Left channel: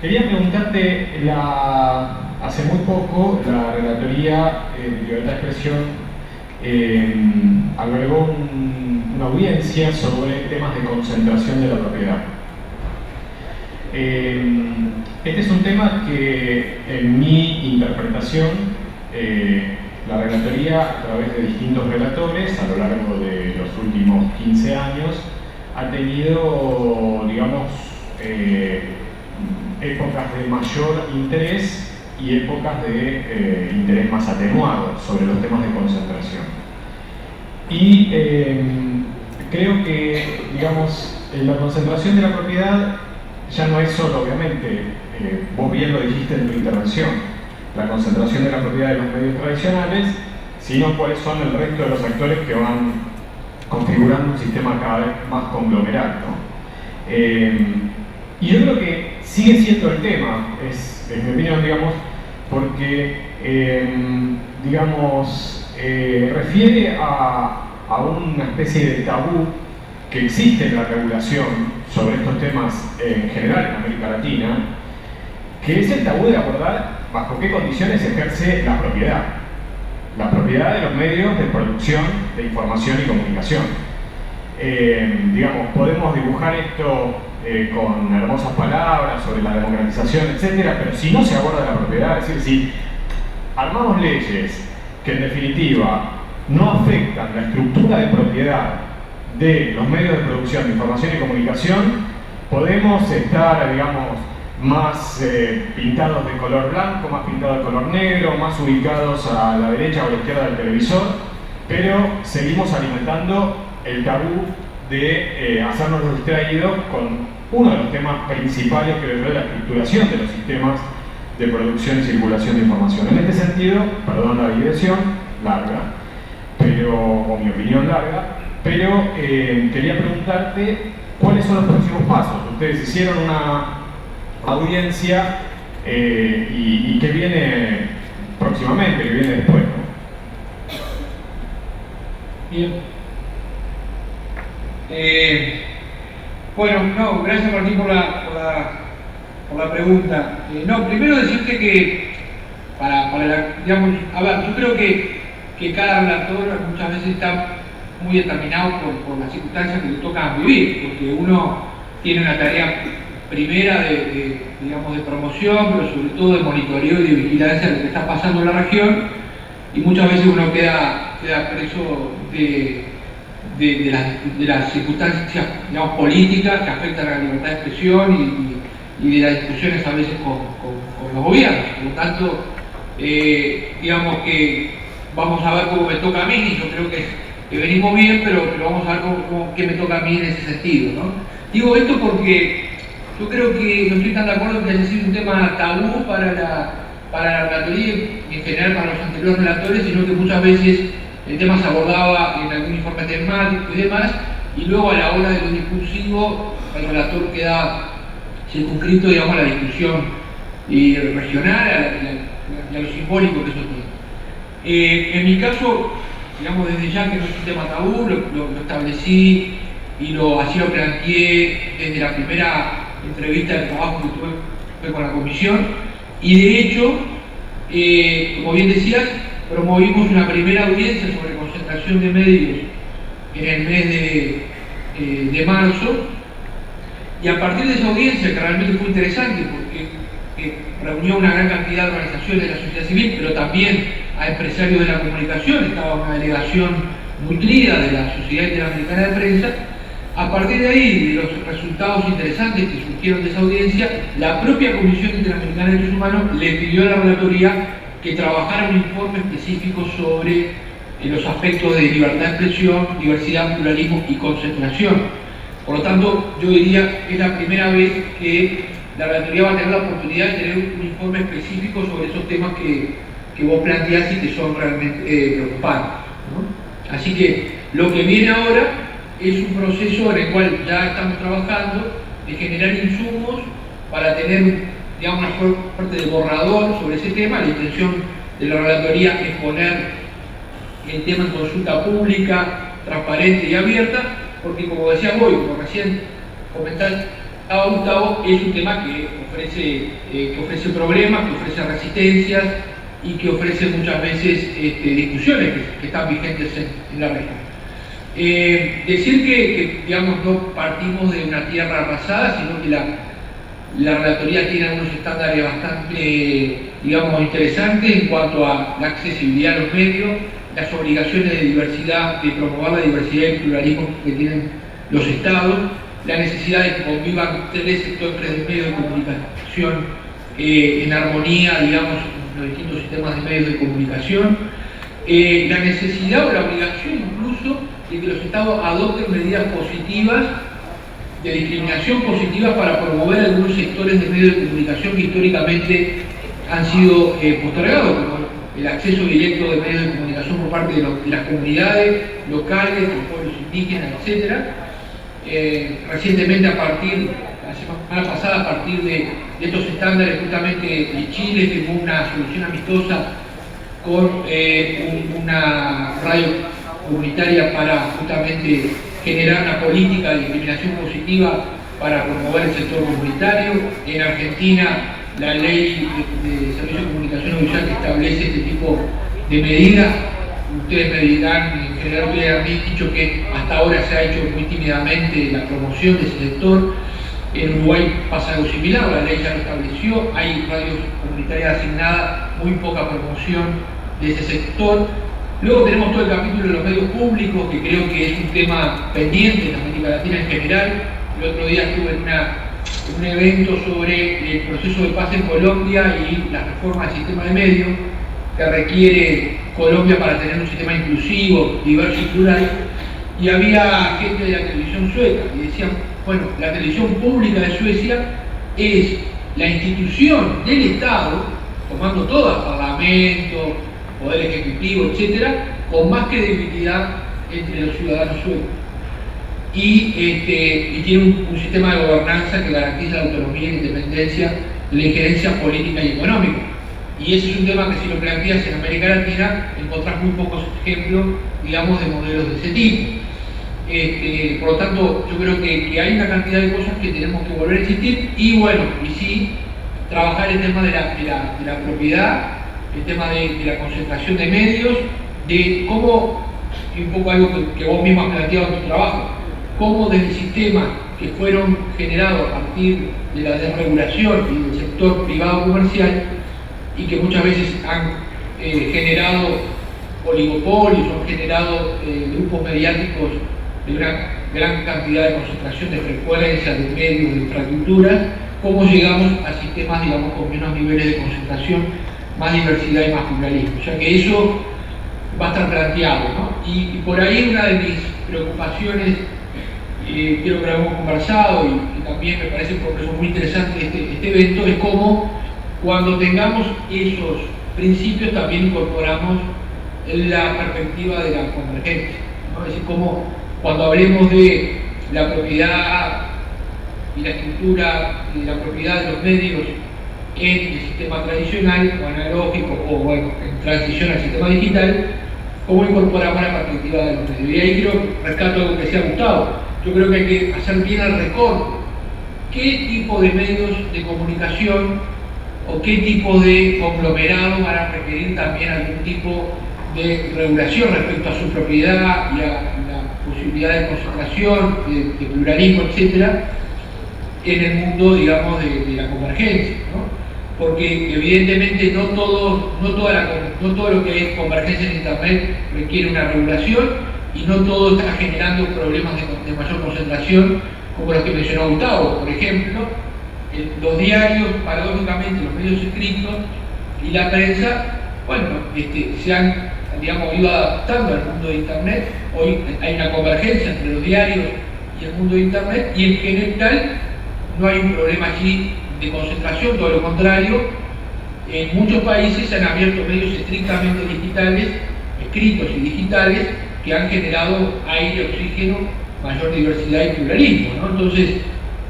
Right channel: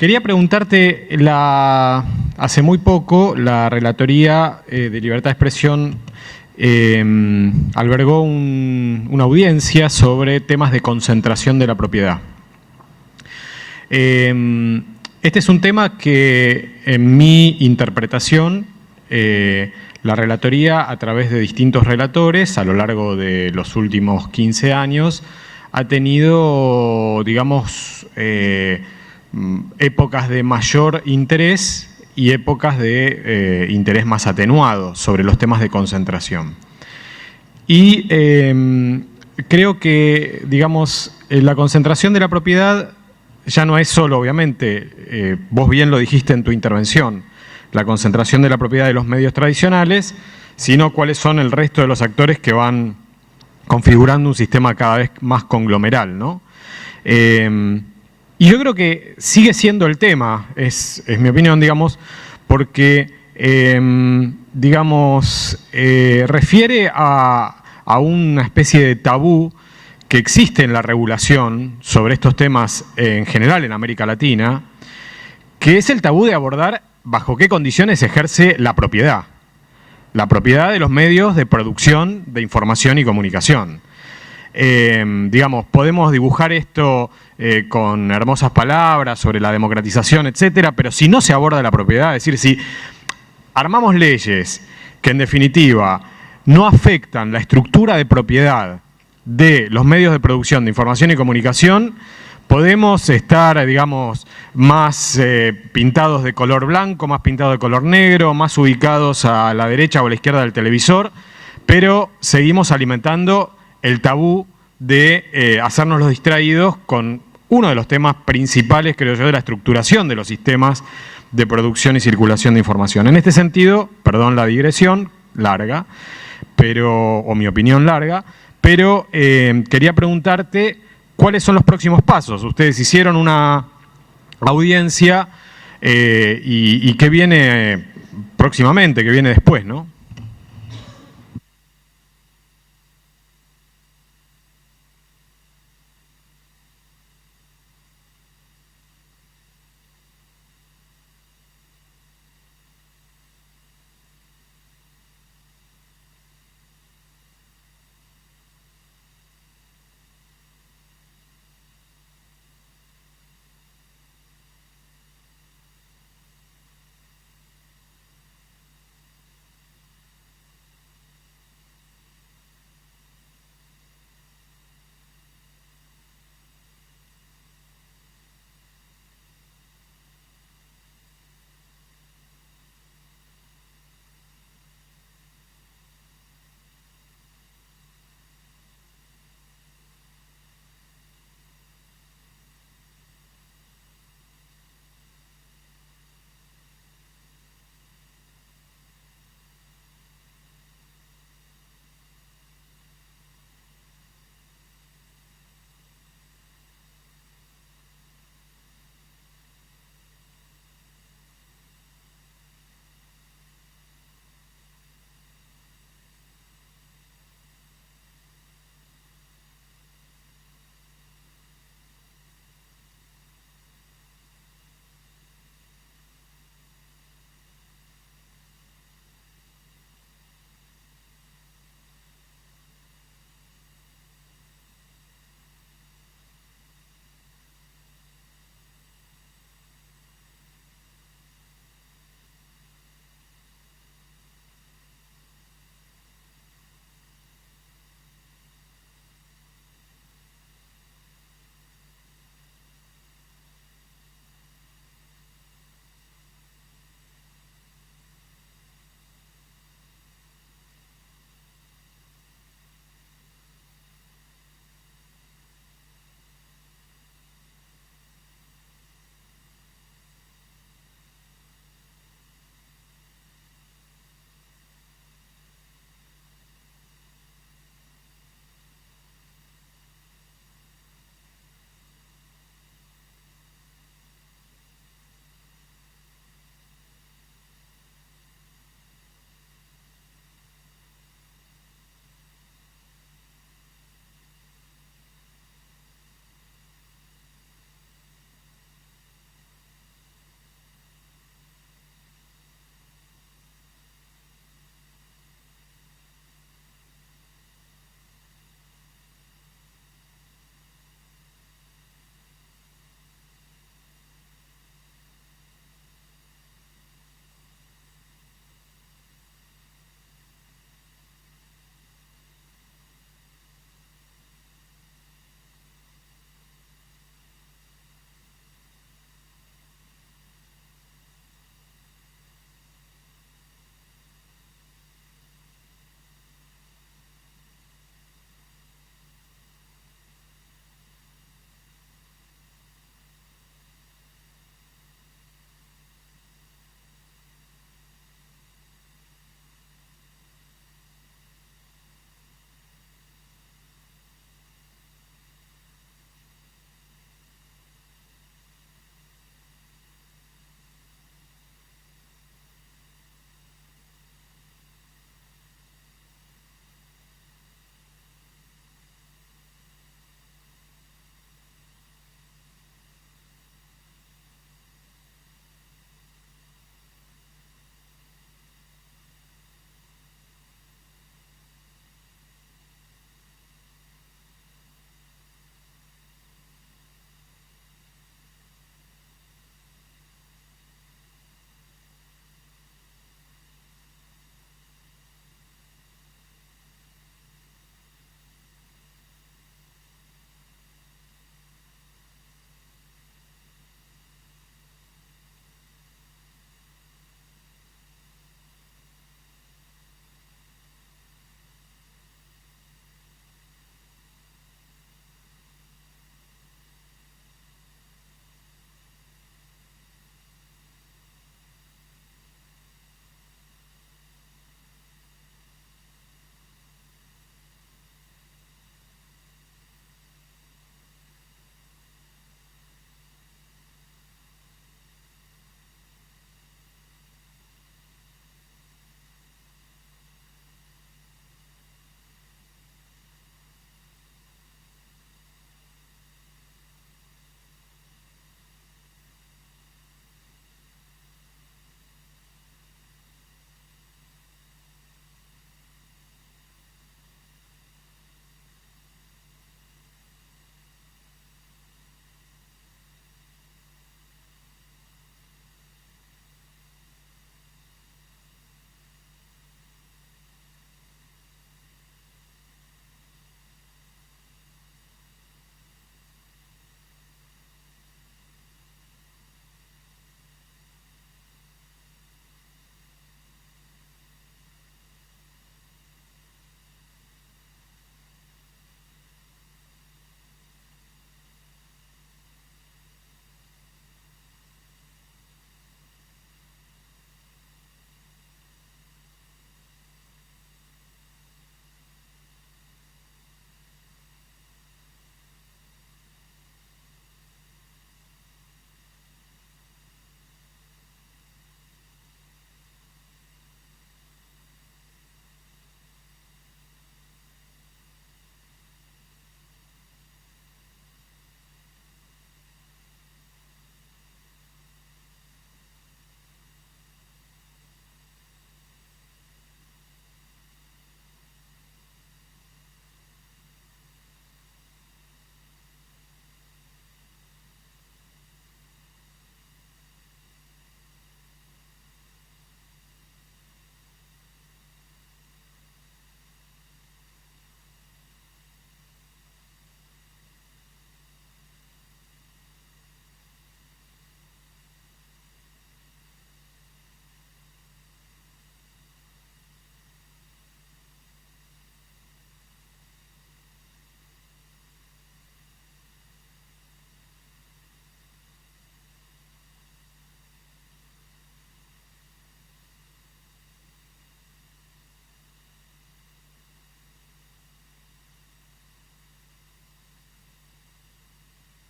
Quería preguntarte, hace muy poco la Relatoría de Libertad de Expresión albergó una audiencia sobre temas de concentración de la propiedad. Este es un tema que, en mi interpretación, la Relatoría, a través de distintos relatores, a lo largo de los últimos 15 años, ha tenido, digamos, épocas de mayor interés y épocas de interés más atenuado sobre los temas de concentración. Y creo que, digamos, la concentración de la propiedad ya no es solo, obviamente, vos bien lo dijiste en tu intervención, la concentración de la propiedad de los medios tradicionales, sino cuáles son el resto de los actores que van configurando un sistema cada vez más conglomeral, ¿no? Y yo creo que sigue siendo el tema, es mi opinión, digamos, porque, refiere a una especie de tabú que existe en la regulación sobre estos temas en general en América Latina, que es el tabú de abordar bajo qué condiciones ejerce la propiedad de los medios de producción de información y comunicación. Podemos dibujar esto con hermosas palabras sobre la democratización, etcétera, pero si no se aborda la propiedad, es decir, si armamos leyes que en definitiva no afectan la estructura de propiedad de los medios de producción de información y comunicación, podemos estar, digamos, más pintados de color blanco, más pintados de color negro, más ubicados a la derecha o a la izquierda del televisor, pero seguimos alimentando el tabú de hacernos los distraídos con uno de los temas principales, creo yo, de la estructuración de los sistemas de producción y circulación de información. En este sentido, perdón la digresión larga, o mi opinión larga, pero quería preguntarte cuáles son los próximos pasos. Ustedes hicieron una audiencia y qué viene próximamente, qué viene después, ¿no? Bien. Bueno, no, gracias Martín por la pregunta. Primero decirte que yo creo que cada relator muchas veces está muy determinado por las circunstancias que le tocan vivir, porque uno tiene una tarea primera de promoción, pero sobre todo de monitoreo y de vigilancia de lo que está pasando en la región, y muchas veces uno queda preso de las circunstancias, digamos, políticas que afectan a la libertad de expresión y de las discusiones a veces con los gobiernos. Por lo tanto, digamos que vamos a ver cómo me toca a mí, y yo creo que venimos bien, pero vamos a ver qué me toca a mí en ese sentido, ¿no? Digo esto porque yo creo que no estoy tan de acuerdo que haya sido un tema tabú para la relatoría y en general para los anteriores relatores, sino que muchas veces el tema se abordaba en algún informe temático y demás, y luego a la hora de lo discursivo el relator queda circunscrito, digamos, a la discusión regional y a lo simbólico que eso tiene. En mi caso, digamos, desde ya que no es un tema tabú, lo establecí y así lo planteé desde la primera entrevista de trabajo que tuve con la comisión, y de hecho, como bien decías, promovimos una primera audiencia sobre concentración de medios en el mes de marzo, y a partir de esa audiencia, que realmente fue interesante porque reunió una gran cantidad de organizaciones de la sociedad civil, pero también a empresarios de la comunicación, estaba una delegación nutrida de la Sociedad Interamericana de Prensa. A partir de ahí, de los resultados interesantes que surgieron de esa audiencia, la propia Comisión Interamericana de Derechos Humanos le pidió a la relatoría que trabajara un informe específico sobre los aspectos de libertad de expresión, diversidad, pluralismo y concentración. Por lo tanto, yo diría que es la primera vez que la relatoría va a tener la oportunidad de tener un informe específico sobre esos temas que vos planteás y que son realmente preocupantes, ¿no? Así que lo que viene ahora es un proceso en el cual ya estamos trabajando de generar insumos para tener, digamos, una suerte de borrador sobre ese tema. La intención de la relatoría es poner el tema en consulta pública, transparente y abierta, porque como decía hoy, como recién comentaba Gustavo, es un tema que que ofrece problemas, que ofrece resistencias y que ofrece muchas veces discusiones que están vigentes en la región. Decir que, digamos, no partimos de una tierra arrasada, sino que la relatoría tiene unos estándares bastante, digamos, interesantes en cuanto a la accesibilidad a los medios, las obligaciones de diversidad, de promover la diversidad y el pluralismo que tienen los estados, la necesidad de que convivan tres sectores de medios de comunicación en armonía, digamos, en los distintos sistemas de medios de comunicación, la necesidad o la obligación incluso de que los estados adopten medidas positivas, de discriminación positiva para promover algunos sectores de medios de comunicación que históricamente han sido postergados, como el acceso directo de medios de comunicación por parte de las comunidades locales, los pueblos indígenas, etc. Recientemente, la semana pasada, a partir de estos estándares, justamente Chile firmó una solución amistosa con una radio comunitaria para justamente generar una política de discriminación positiva para promover el sector comunitario. En Argentina, la ley de servicio de comunicación audiovisual que establece este tipo de medidas. Ustedes me dirán, en general ustedes han dicho que hasta ahora se ha hecho muy tímidamente la promoción de ese sector. En Uruguay pasa algo similar, la ley ya lo estableció, hay radios comunitarias asignadas, muy poca promoción de ese sector. Luego tenemos todo el capítulo de los medios públicos, que creo que es un tema pendiente en América Latina en general. El otro día estuve en un evento sobre el proceso de paz en Colombia y las reformas del sistema de medios que requiere Colombia para tener un sistema inclusivo, diverso y plural. Y había gente de la televisión sueca y decían, bueno, la televisión pública de Suecia es la institución del Estado, tomando todas, parlamento, poder ejecutivo, etcétera, con más credibilidad entre los ciudadanos suecos. Y tiene un sistema de gobernanza que garantiza la autonomía e independencia de la injerencia política y económica. Y ese es un tema que, si lo planteas en América Latina, encontrás muy pocos ejemplos, digamos, de modelos de ese tipo. Por lo tanto, yo creo que hay una cantidad de cosas que tenemos que volver a existir y, bueno, y sí, trabajar el tema de la propiedad, el tema de la concentración de medios, de cómo, y un poco algo que vos mismo has planteado en tu trabajo, cómo desde sistemas que fueron generados a partir de la desregulación y del sector privado comercial y que muchas veces han generado oligopolios, han generado grupos mediáticos de una gran cantidad de concentración de frecuencias, de medios, de infraestructuras, cómo llegamos a sistemas, digamos, con menos niveles de concentración, más diversidad y más pluralismo. O sea que eso va a estar planteado, ¿no? Y por ahí una de mis preocupaciones, creo que lo hemos conversado y también me parece porque es muy interesante este evento, es cómo cuando tengamos esos principios también incorporamos la perspectiva de la convergencia, ¿no? Es decir, cómo cuando hablemos de la propiedad y la estructura de la propiedad de los medios en el sistema tradicional o analógico o, bueno, en transición al sistema digital, cómo incorporamos la perspectiva de los medios. Y ahí creo, rescato algo que decía Gustavo, yo creo que hay que hacer bien el recorte. ¿Qué tipo de medios de comunicación o qué tipo de conglomerados van a requerir también algún tipo de regulación respecto a su propiedad y a la posibilidad de concentración, de pluralismo, etcétera, en el mundo, digamos, de la convergencia, ¿no? Porque evidentemente no todo lo que es convergencia en Internet requiere una regulación y no todo está generando problemas de mayor concentración como los que mencionó Gustavo. Por ejemplo, los diarios, paradójicamente, los medios escritos y la prensa, bueno, se han, digamos, ido adaptando al mundo de Internet. Hoy hay una convergencia entre los diarios y el mundo de Internet y en general no hay un problema allí de concentración, todo lo contrario. En muchos países se han abierto medios estrictamente digitales, escritos y digitales, que han generado aire, oxígeno, mayor diversidad y pluralismo, ¿no? Entonces,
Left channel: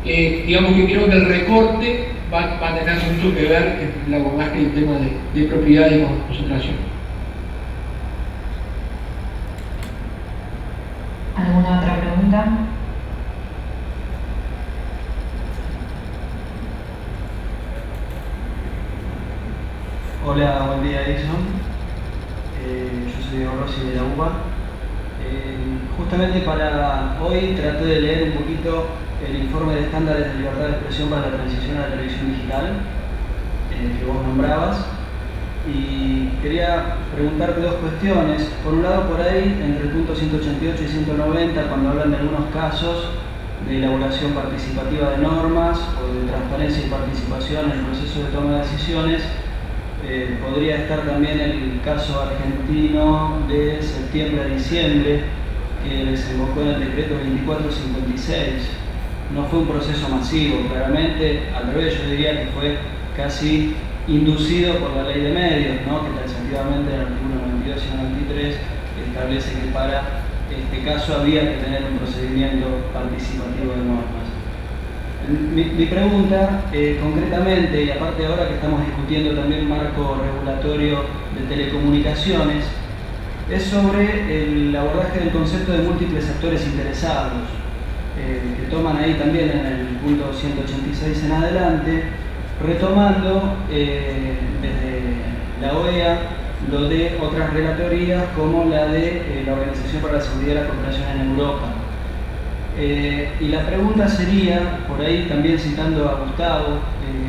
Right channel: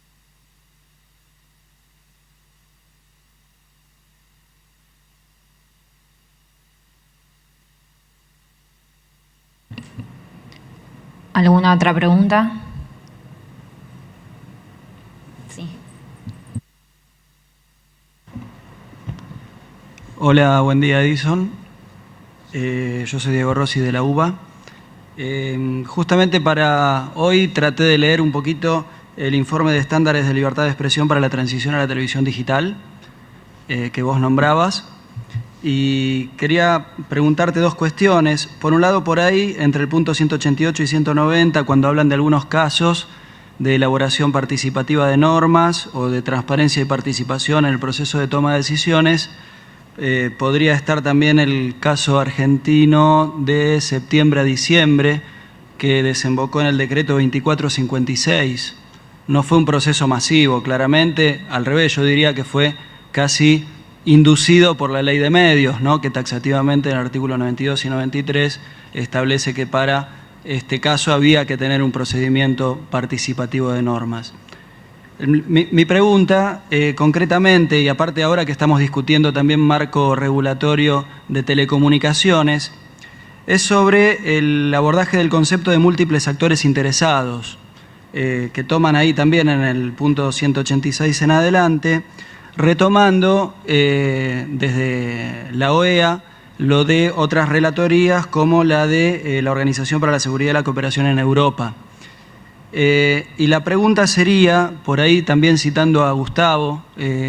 digamos que creo que el recorte va a tener mucho que ver en el abordaje del tema de propiedad y concentración. ¿Alguna otra pregunta? Sí. Hola, buen día Edison. Yo soy Diego Rossi de la UBA. Justamente para hoy traté de leer un poquito el informe de estándares de libertad de expresión para la transición a la televisión digital que vos nombrabas, y quería preguntarte dos cuestiones. Por un lado, por ahí, entre el punto 188 y 190, cuando hablan de algunos casos de elaboración participativa de normas o de transparencia y participación en el proceso de toma de decisiones, podría estar también el caso argentino de septiembre a diciembre, que desembocó en el decreto 2456. No fue un proceso masivo, claramente, al revés, yo diría que fue casi inducido por la ley de medios, ¿no? Que taxativamente en el artículo 92 y 93 establece que para este caso había que tener un procedimiento participativo de normas. Mi pregunta, concretamente, y aparte ahora que estamos discutiendo también marco regulatorio de telecomunicaciones, es sobre el abordaje del concepto de múltiples actores interesados, que toman ahí también en el punto 186 en adelante, retomando desde la OEA lo de otras relatorías como la de la Organización para la Seguridad y la Cooperación en Europa. Y la pregunta sería, por ahí también citando a Gustavo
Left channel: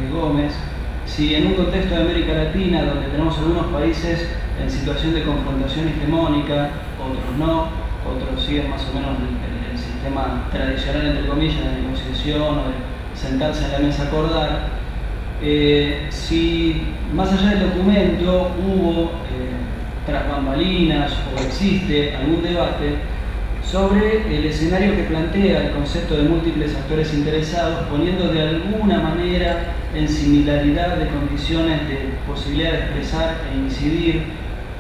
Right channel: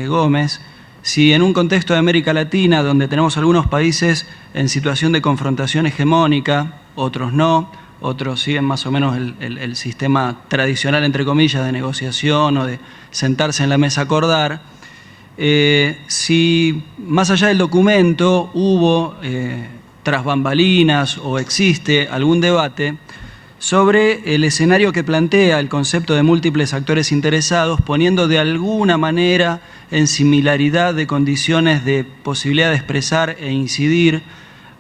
Gómez, si en un contexto de América Latina, donde tenemos algunos países en situación de confrontación hegemónica, otros no, otros siguen más o menos el sistema tradicional, entre comillas, de negociación o de sentarse en la mesa a acordar, si más allá del documento hubo, tras bambalinas, o existe algún debate sobre el escenario que plantea el concepto de múltiples actores interesados, poniendo de alguna manera en similaridad de condiciones de posibilidad de expresar e incidir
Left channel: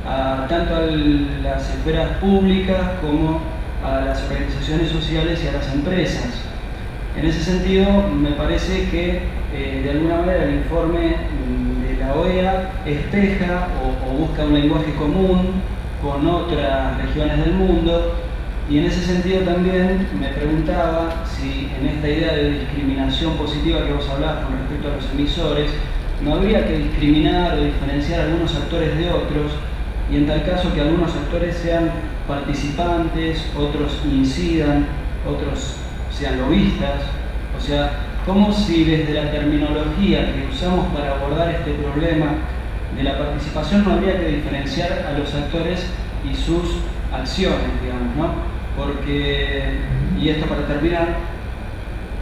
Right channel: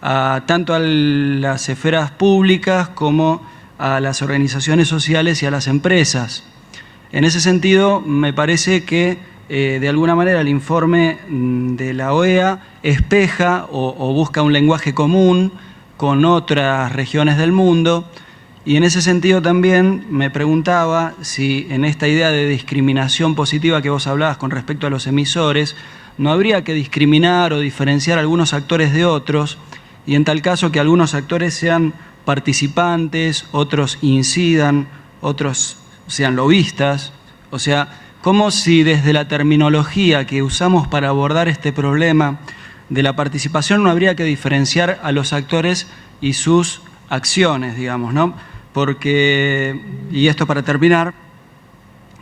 tanto a las esferas públicas como a las organizaciones sociales y a las empresas. En ese sentido, me parece que de alguna manera el informe de la OEA espeja o busca un lenguaje común con otras regiones del mundo. Y en ese sentido también me preguntaba si en esta idea de discriminación positiva que vos hablabas con respecto a los emisores, no habría que discriminar o diferenciar a algunos actores de otros, y en tal caso que algunos actores sean participantes, otros incidan, otros sean lobistas. O sea, como si desde la terminología que usamos para abordar este problema de la participación no habría que diferenciar a los actores y sus acciones, digamos, ¿no? Porque, y esto para terminar,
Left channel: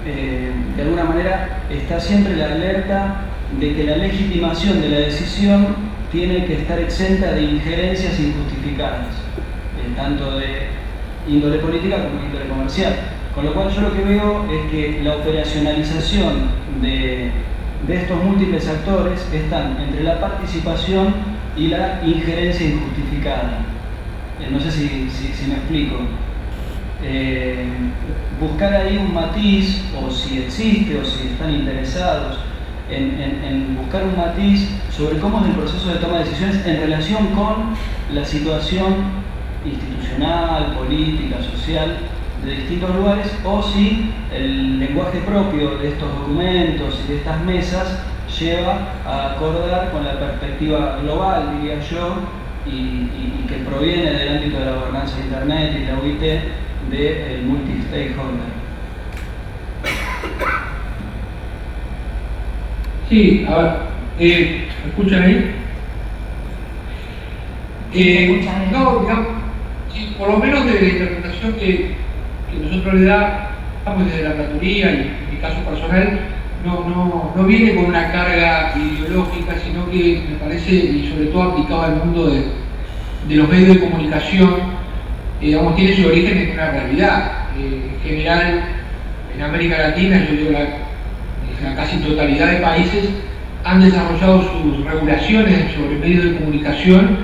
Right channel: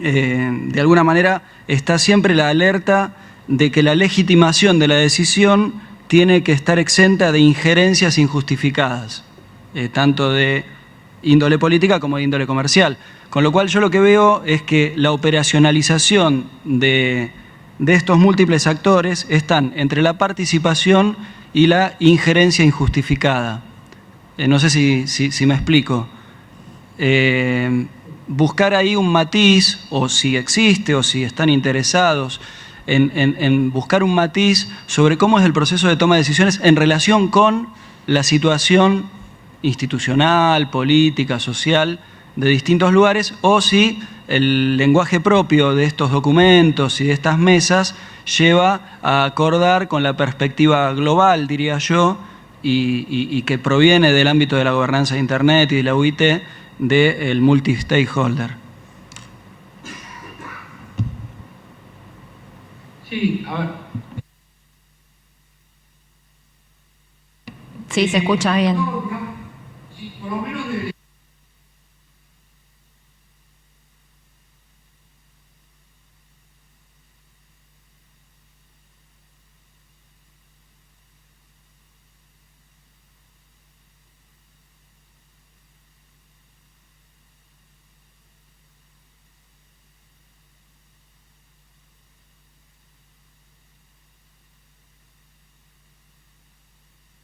de alguna manera está siempre la alerta de que la legitimación de la decisión tiene que estar exenta de injerencias injustificadas, tanto de índole política como de índole comercial. Con lo cual yo lo que veo es que la operacionalización de estos múltiples actores están entre la participación y la injerencia injustificada. No sé si me explico. Buscar ahí un matiz, o si existe, o si están interesados en buscar un matiz sobre cómo es el proceso de toma de decisiones en relación con la situación institucional, política, social de distintos lugares, o si el lenguaje propio de estos documentos y de estas mesas lleva a acordar con la perspectiva global, diría yo, y que proviene del ámbito de la gobernanza de Internet y de la UIT, del multi-stakeholder. Sí, a ver, ¿me escuchan ahí? Sí, se escucha bien. No, digamos, sí, por lo menos de la interpretación que nosotros le damos desde la relatoría, y en mi caso personal, no viene con una carga ideológica, sino que me parece, y sobre todo aplicado al mundo de los medios de comunicación, digamos, tiene su origen en una realidad. En general, en América Latina, yo digo la casi totalidad de países han desarrollado sus regulaciones sobre medios de comunicación.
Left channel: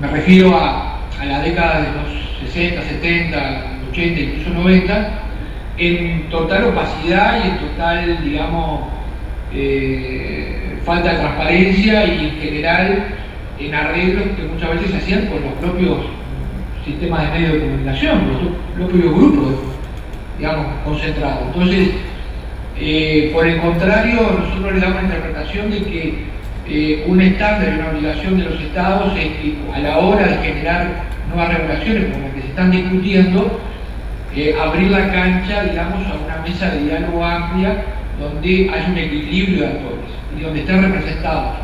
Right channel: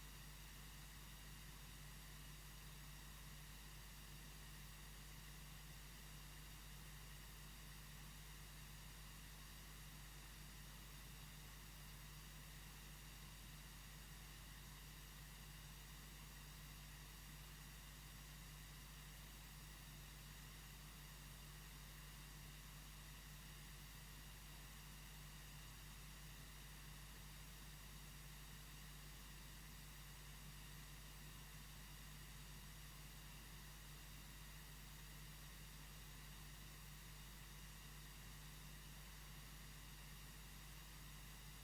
Me refiero a la década de los 60, 70, 80, incluso 90, en total opacidad y en total, digamos, falta de transparencia, y en general en arreglos que muchas veces se hacían con los propios sistemas de medios de comunicación, los propios grupos, digamos, concentrados. Entonces, Por el contrario, nosotros le damos la interpretación de que un estándar y una obligación de los estados es que a la hora de generar nuevas regulaciones como las que se están discutiendo, abrir la cancha, digamos, a una mesa de diálogo amplia donde haya un equilibrio de actores y donde estén representados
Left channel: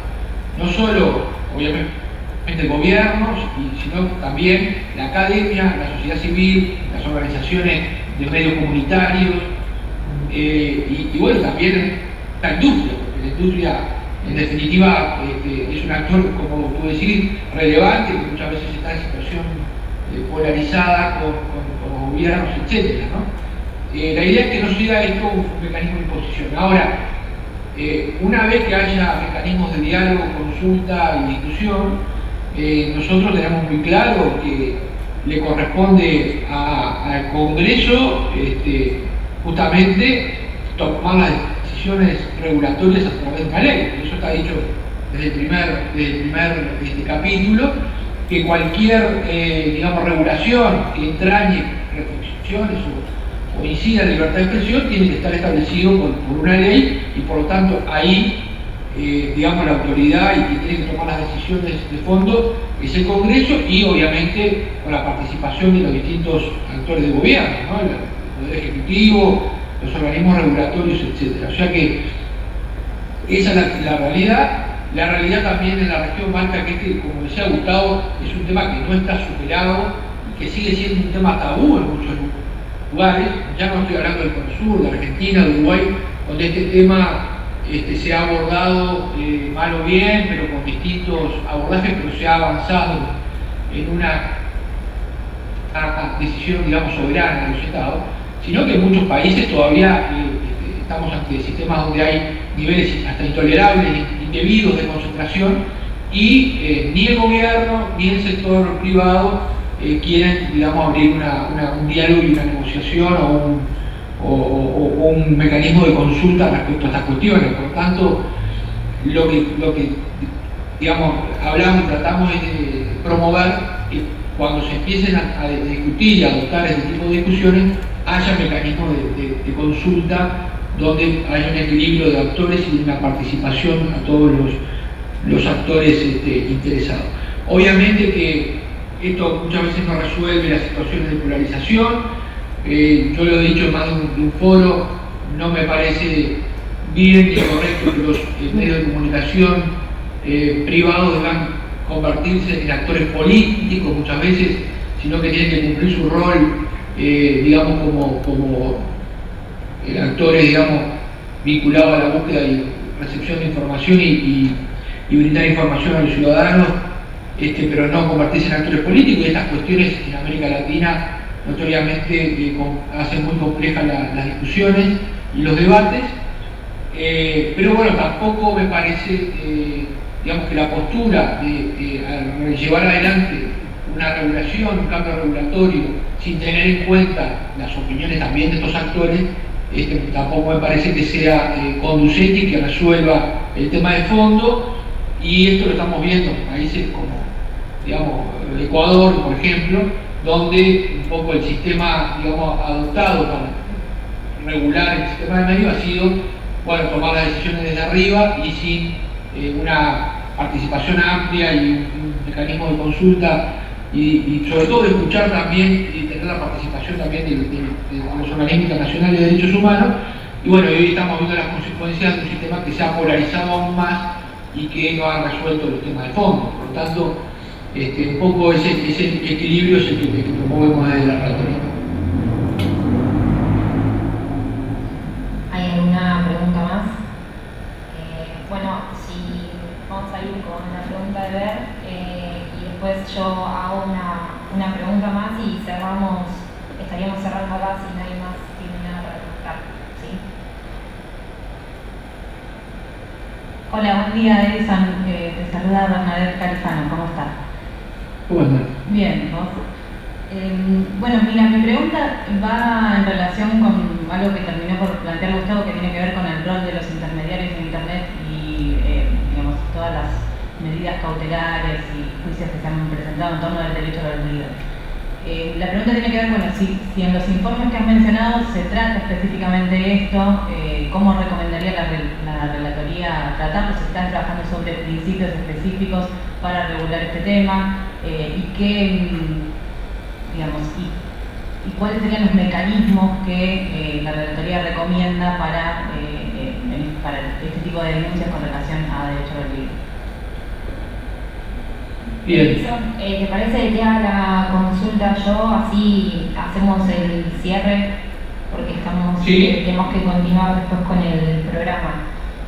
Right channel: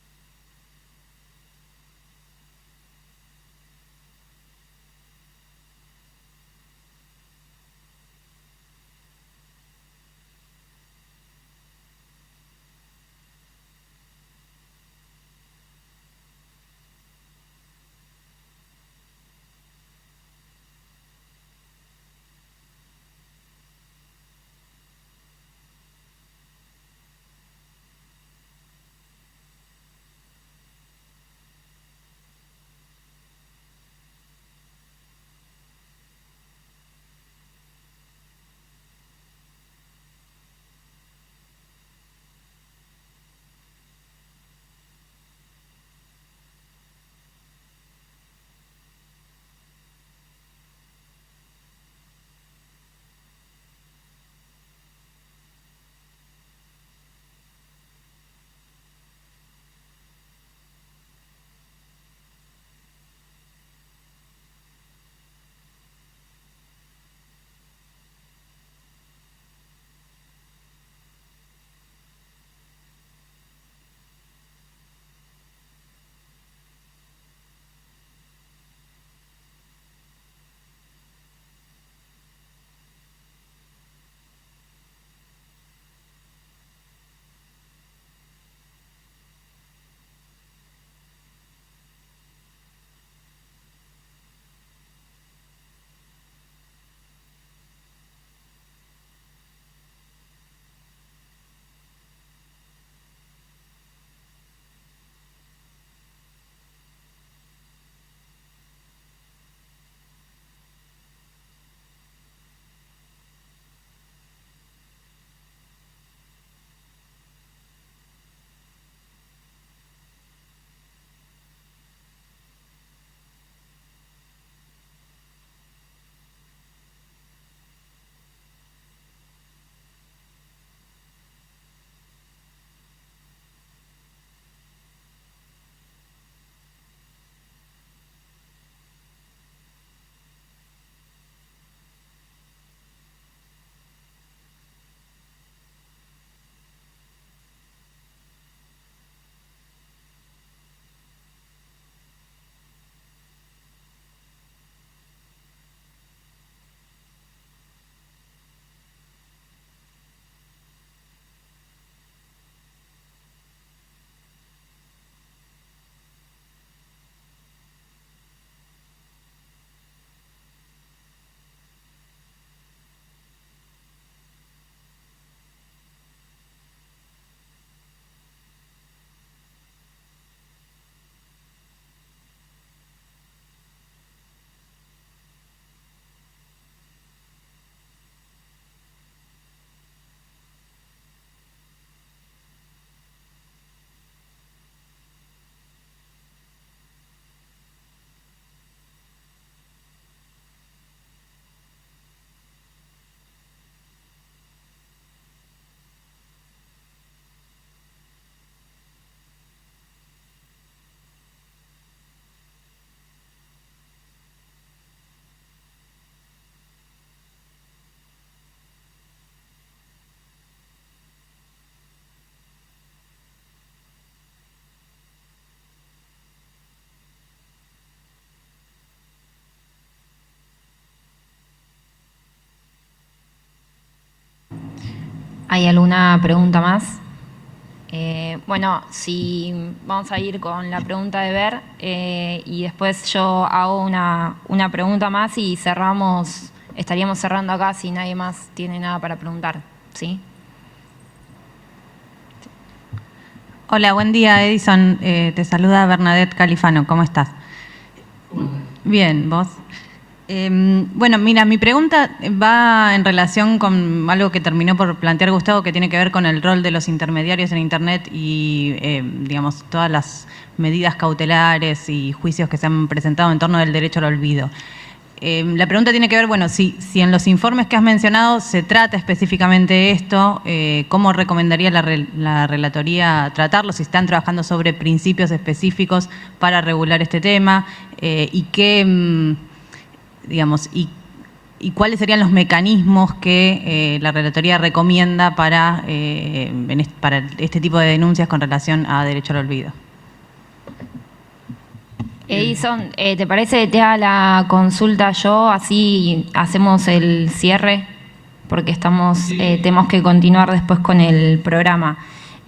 no solo, obviamente, gobiernos, sino también la academia, la sociedad civil, las organizaciones de medios comunitarios y bueno, también la industria, porque la industria en definitiva es un actor, como tú decís, relevante, que muchas veces está en situación polarizada con los gobiernos, etc., ¿no? La idea es que no sea esto un mecanismo de imposición. Ahora, una vez que haya mecanismos de diálogo, consulta y discusión, nosotros tenemos muy claro que le corresponde al Congreso justamente tomar las decisiones regulatorias a través de una ley. Eso está dicho desde el primer capítulo, que cualquier digamos, regulación que entrañe reflexiones o incida en libertad de expresión tiene que estar establecido por una ley y por lo tanto ahí digamos, la autoridad y quien tiene que tomar las decisiones de fondo es el Congreso y obviamente con la participación de los distintos actores de gobierno, ¿no? El Poder Ejecutivo, los organismos regulatorios, etc. O sea que esa es la realidad. La realidad también en la región marca que como decía Gustavo, es un tema que no está superado y que sigue siendo un tema tabú en muchos lugares. Ya no estoy hablando del Cono Sur, de Argentina, de Uruguay, donde este tema se ha abordado mal o bien, pero con distintos abordajes, pero se ha avanzado en una decisión, digamos, soberana de los Estados, sino que en muchos países todavía estamos ante sistemas donde hay niveles hasta intolerables, indebidos de concentración, y ni el gobierno ni el sector privado quieren, digamos, abrir un diálogo y una negociación o un mecanismo de consulta respecto a estas cuestiones. Por lo tanto, lo que digamos, hablamos y tratamos es de promover que cuando se empiecen a discutir y a adoptar este tipo de discusiones, haya mecanismos de consulta donde haya un equilibrio de actores y una participación a todos los actores interesados. Obviamente que esto muchas veces no resuelve las situaciones de polarización. Yo lo he dicho en más de un foro, no me parece bien ni correcto que los medios de comunicación privados deban convertirse en actores políticos muchas veces, sino que tienen que cumplir su rol, digamos, como actores, digamos, vinculados a la búsqueda y recepción de información y brindar información a los ciudadanos, pero no convertirse en actores políticos. Y estas cuestiones en América Latina notoriamente hacen muy complejas las discusiones y los debates, pero bueno, tampoco me parece, digamos, que la postura de llevar adelante una regulación, un cambio regulatorio, sin tener en cuenta las opiniones también de estos actores, tampoco me parece que sea conducente y que resuelva el tema de fondo. Y esto lo estamos viendo en países como, digamos, Ecuador, por ejemplo, donde un poco el sistema, digamos, adoptado para regular el sistema de medios ha sido, bueno, tomar las decisiones desde arriba y sin una participación amplia y un mecanismo de consulta y sobre todo de escuchar también y tener la participación también de los organismos internacionales de derechos humanos. Y bueno, hoy estamos viendo las consecuencias de un sistema que se ha polarizado aún más y que no ha resuelto los temas de fondo. Por lo tanto, un poco ese equilibrio es el que promovemos desde la retórica. ¿Hay alguna pregunta más? Bueno, si vamos a ir con la pregunta de Ver y después yo hago una pregunta más y estaríamos cerrando acá si nadie más tiene nada para preguntar, ¿sí? Hola, buen día Edison, te saluda Bernadette Califano, ¿cómo estás? Bueno. Bien, ¿vos? Bueno, mira, mi pregunta va en relación con algo que terminó por plantear Gustavo, que tiene que ver con el rol de los intermediarios en Internet y, digamos, todas las medidas cautelares y juicios que se han presentado en torno del derecho al olvido. La pregunta tiene que ver, bueno, si en los informes que has mencionado se trata específicamente esto, ¿cómo recomendaría la relatoría tratarlo? Si están trabajando sobre principios específicos para regular este tema, y qué, digamos, y cuáles serían los mecanismos que la relatoría recomienda para este tipo de denuncias con relación a derecho al olvido. Edison, ¿te parece que te haga la consulta yo? Así hacemos el cierre, porque tenemos que continuar después con el programa.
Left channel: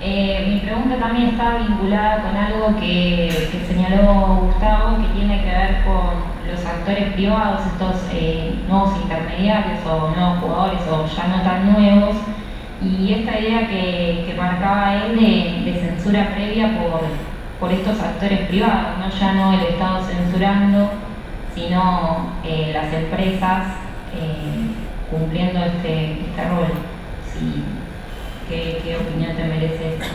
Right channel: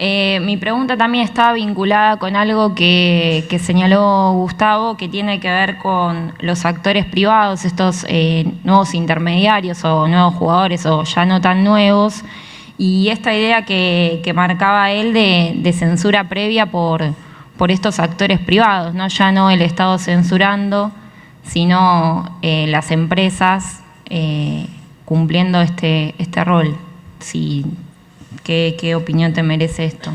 Mi pregunta también está vinculada con algo que señaló Gustavo, que tiene que ver con los actores privados, estos nuevos intermediarios o nuevos jugadores o ya no tan nuevos, y esta idea que marcaba él de censura previa por estos actores privados, ¿no? Ya no el Estado censurando, sino las empresas cumpliendo este rol. Sí. ¿Qué opinión te merece esto?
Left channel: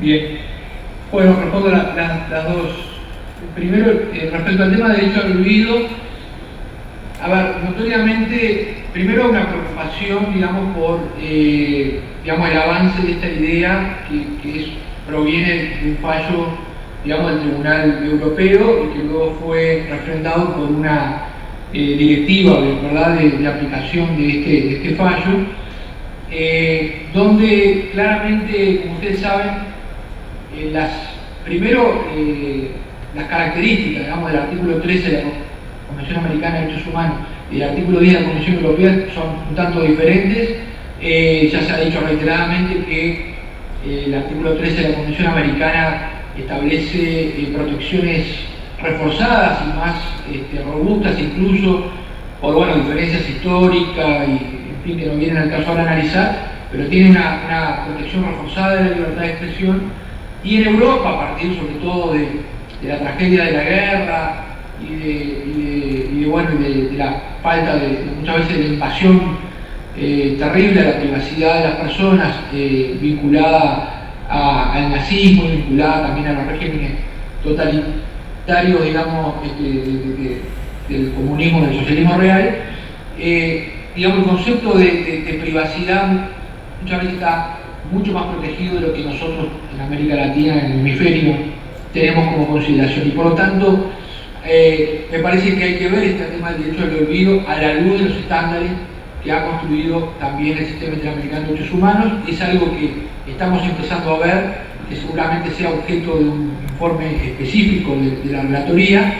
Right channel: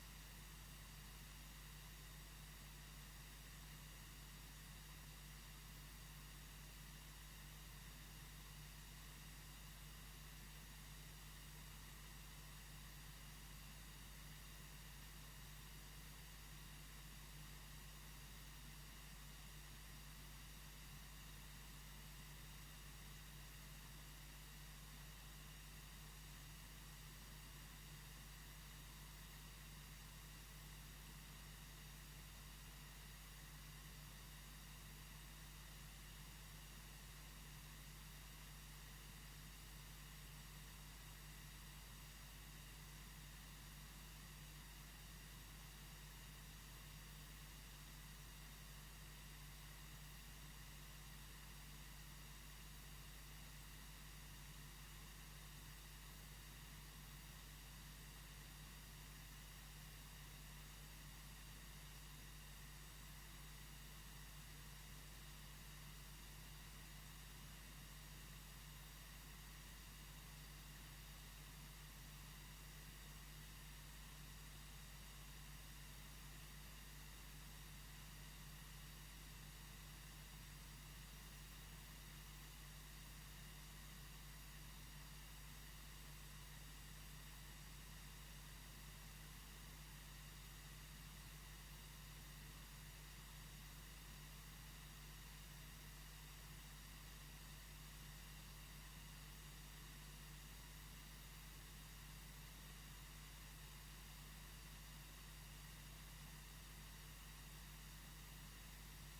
Bien. Bueno, respondo las dos. Primero, respecto al tema de derecho al olvido, a ver, notoriamente, primero una preocupación, digamos, por digamos, el avance de esta idea que proviene de un fallo, digamos, del Tribunal Europeo y que luego fue refrendado por una directiva, ¿verdad?, de aplicación de este fallo, donde claramente, como ustedes saben, las características, digamos, del artículo 13 de la Convención Americana de Derechos Humanos y el artículo 10 de la Convención Europea son un tanto diferentes. Ya se ha dicho reiteradamente que el artículo 13 de la Convención Americana establece protecciones reforzadas y más robustas, incluso por diferencias históricas y que no vienen al caso ahora a analizar, pero tiene una protección reforzada de la libertad de expresión. Y en Europa, a partir sobre todo de la tragedia de la guerra y de la falta muchas veces de la invasión terrible a la privacidad de las personas, vinculada al nazismo, vinculada también a los regímenes totalitarios, digamos, del comunismo, del socialismo real, digamos, el concepto de privacidad muchas veces está mucho más protegido de lo que nosotros en América Latina, en el hemisferio, tenemos como consideración. Y por lo tanto, me parece que hay que ver este tema del derecho al olvido a la luz de los estándares que ha construido también el Sistema Interamericano de Derechos Humanos. Es algo que estamos empezando a ver, que seguramente sea objeto de un informe específico de la relatoría,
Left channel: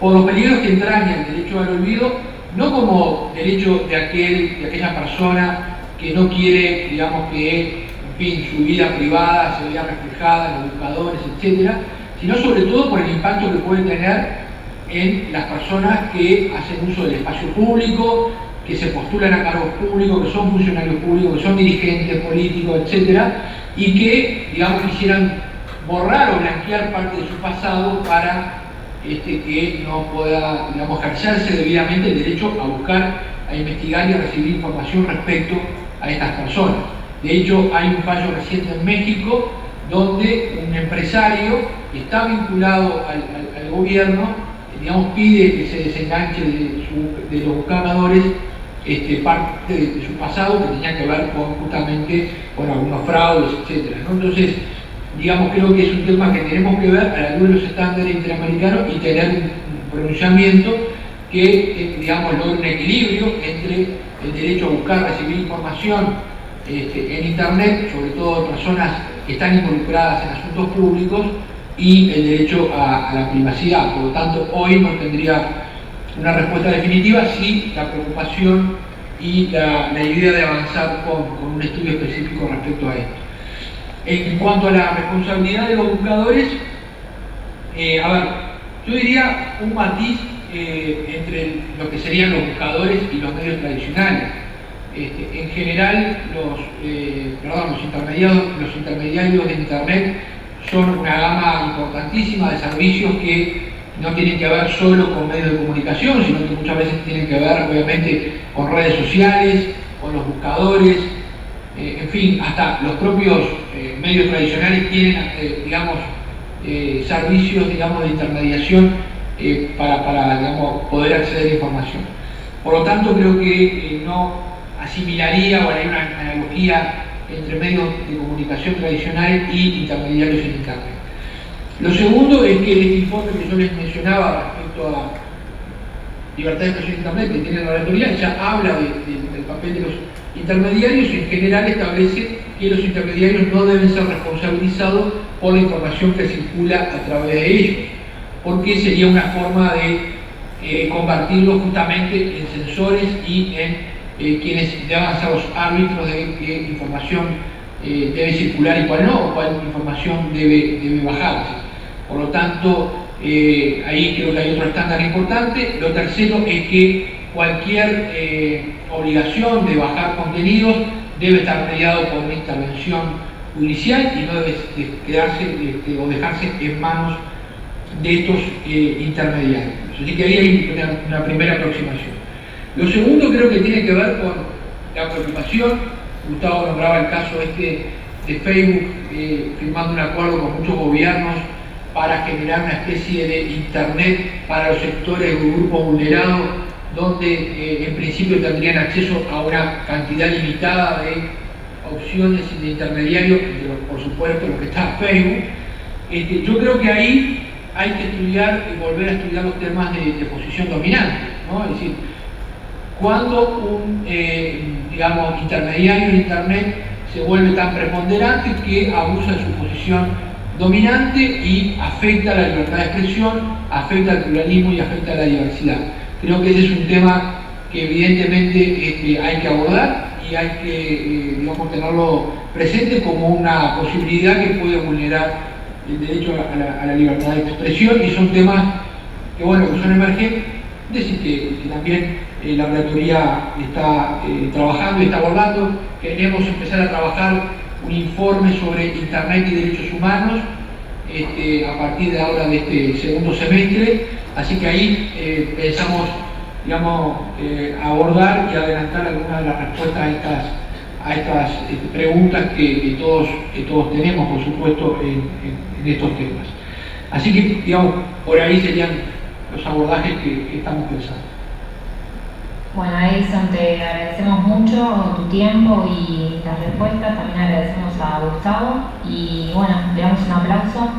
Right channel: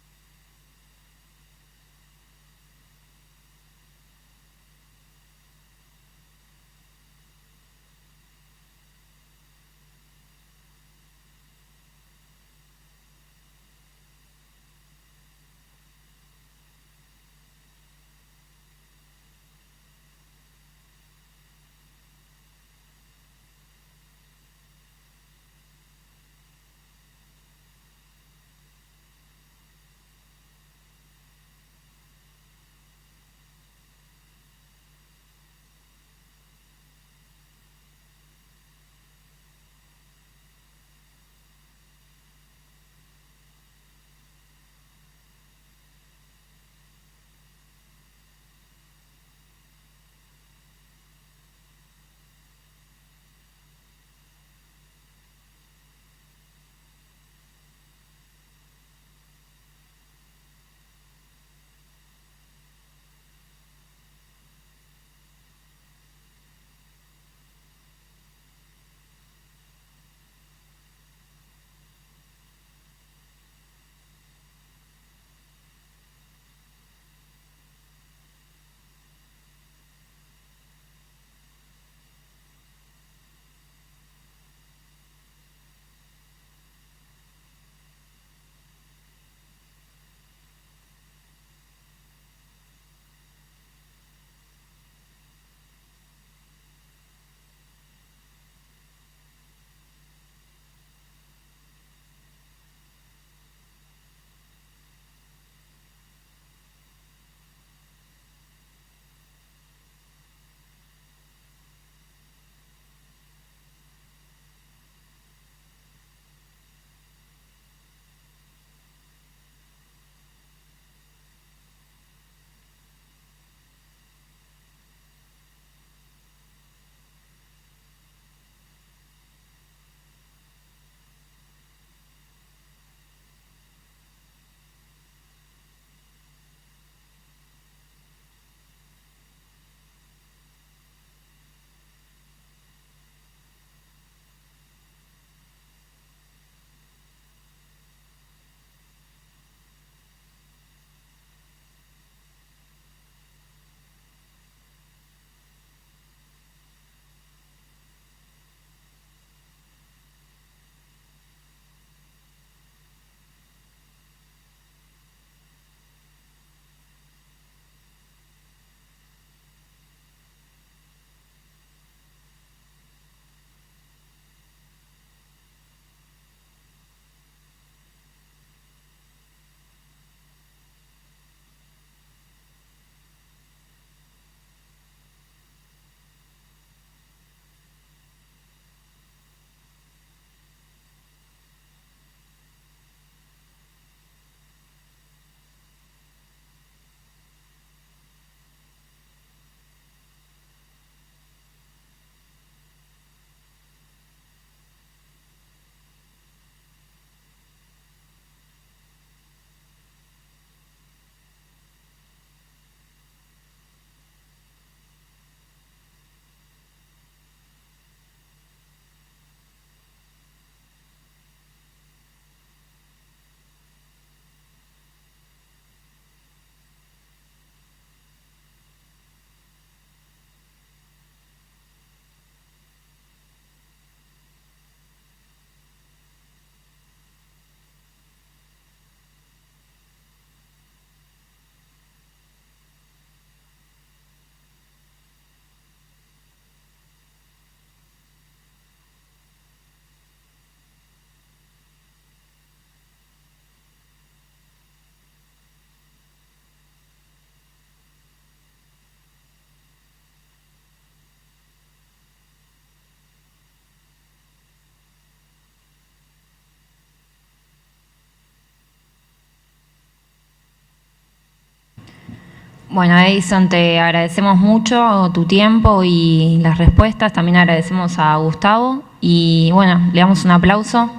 por los peligros que entraña el derecho al olvido, no como derecho de aquella persona que no quiere, digamos, que, en fin, su vida privada se vea reflejada en los buscadores, etcétera, sino sobre todo por el impacto que puede tener en las personas que hacen uso del espacio público, que se postulan a cargos públicos, que son funcionarios públicos, que son dirigentes políticos, etcétera, y que, digamos, quisieran borrar o blanquear parte de su pasado para que no pueda, digamos, ejercerse debidamente el derecho a buscar, a investigar y a recibir información respecto a estas personas. De hecho, hay un fallo reciente en México donde un empresario que está vinculado al gobierno, digamos, pide que se desenganche de los buscadores parte de su pasado que tenía que ver justamente con algunos fraudes, etc., ¿no? Entonces, digamos, creo que es un tema que tenemos que ver a la luz de los estándares interamericanos y tener un pronunciamiento que, digamos, logre un equilibrio entre el derecho a buscar, recibir información en Internet, sobre todo de personas que están involucradas en asuntos públicos, y el derecho a la privacidad. Por lo tanto, hoy no tendría una respuesta definitiva, sí la preocupación y la idea de avanzar con un estudio específico respecto a esto. En cuanto a la responsabilidad de los buscadores, a ver, yo diría un matiz entre lo que serían los buscadores y los medios tradicionales. En general, los intermediarios de Internet son una gama importantísima de servicios que no tienen que ver solo con medios de comunicación, sino que muchas veces tienen que ver, obviamente, con redes sociales, con los buscadores, en fin, hasta los propios medios tradicionales tienen, digamos, servicios, digamos, de intermediación para digamos, poder acceder a información. Por lo tanto, creo que no asimilaría o haría una analogía entre medios de comunicación tradicionales y intermediarios en Internet. Lo segundo es que este informe que yo les mencionaba respecto a libertad de expresión en Internet que tiene la relatoría ya habla del papel de los intermediarios y en general establece que los intermediarios no deben ser responsabilizados por la información que circula a través de ellos, porque sería una forma de convertirlos justamente en censores y en quienes deban ser los árbitros de qué información debe circular y cuál no, o cuál información debe bajarse. Por lo tanto, ahí creo que hay otro estándar importante. Lo tercero es que cualquier obligación de bajar contenidos debe estar mediado por una intervención judicial y no debe quedarse o dejarse en manos de estos intermediarios. Así que ahí hay una primera aproximación. Lo segundo creo que tiene que ver con la preocupación. Gustavo nombraba el caso de Facebook firmando un acuerdo con muchos gobiernos para generar una especie de internet para los sectores o grupos vulnerados, donde en principio tendrían acceso a una cantidad limitada de opciones y de intermediarios, por supuesto lo que está Facebook. Yo creo que ahí hay que estudiar y volver a estudiar los temas de posición dominante, ¿no? Es decir, cuando un digamos, intermediario en Internet se vuelve tan preponderante que abusa de su posición dominante y afecta a la libertad de expresión, afecta al pluralismo y afecta a la diversidad. Creo que ese es un tema que evidentemente hay que abordar y hay que digamos, tenerlo presente como una posibilidad que puede vulnerar el derecho a la libertad de expresión, y son temas que, bueno, que son emergentes y que también la relatoría está trabajando y está abordando. Queremos empezar a trabajar un informe sobre Internet y derechos humanos a partir de ahora de este segundo semestre, así que ahí pensamos, digamos, abordar y adelantar algunas de las respuestas a estas preguntas que todos tenemos, por supuesto, en estos temas. Así que, digamos, por ahí serían los abordajes que estamos pensando. Bueno, Edison, te agradecemos mucho tu tiempo y las respuestas. También agradecemos a Gustavo y bueno, le damos un aplauso.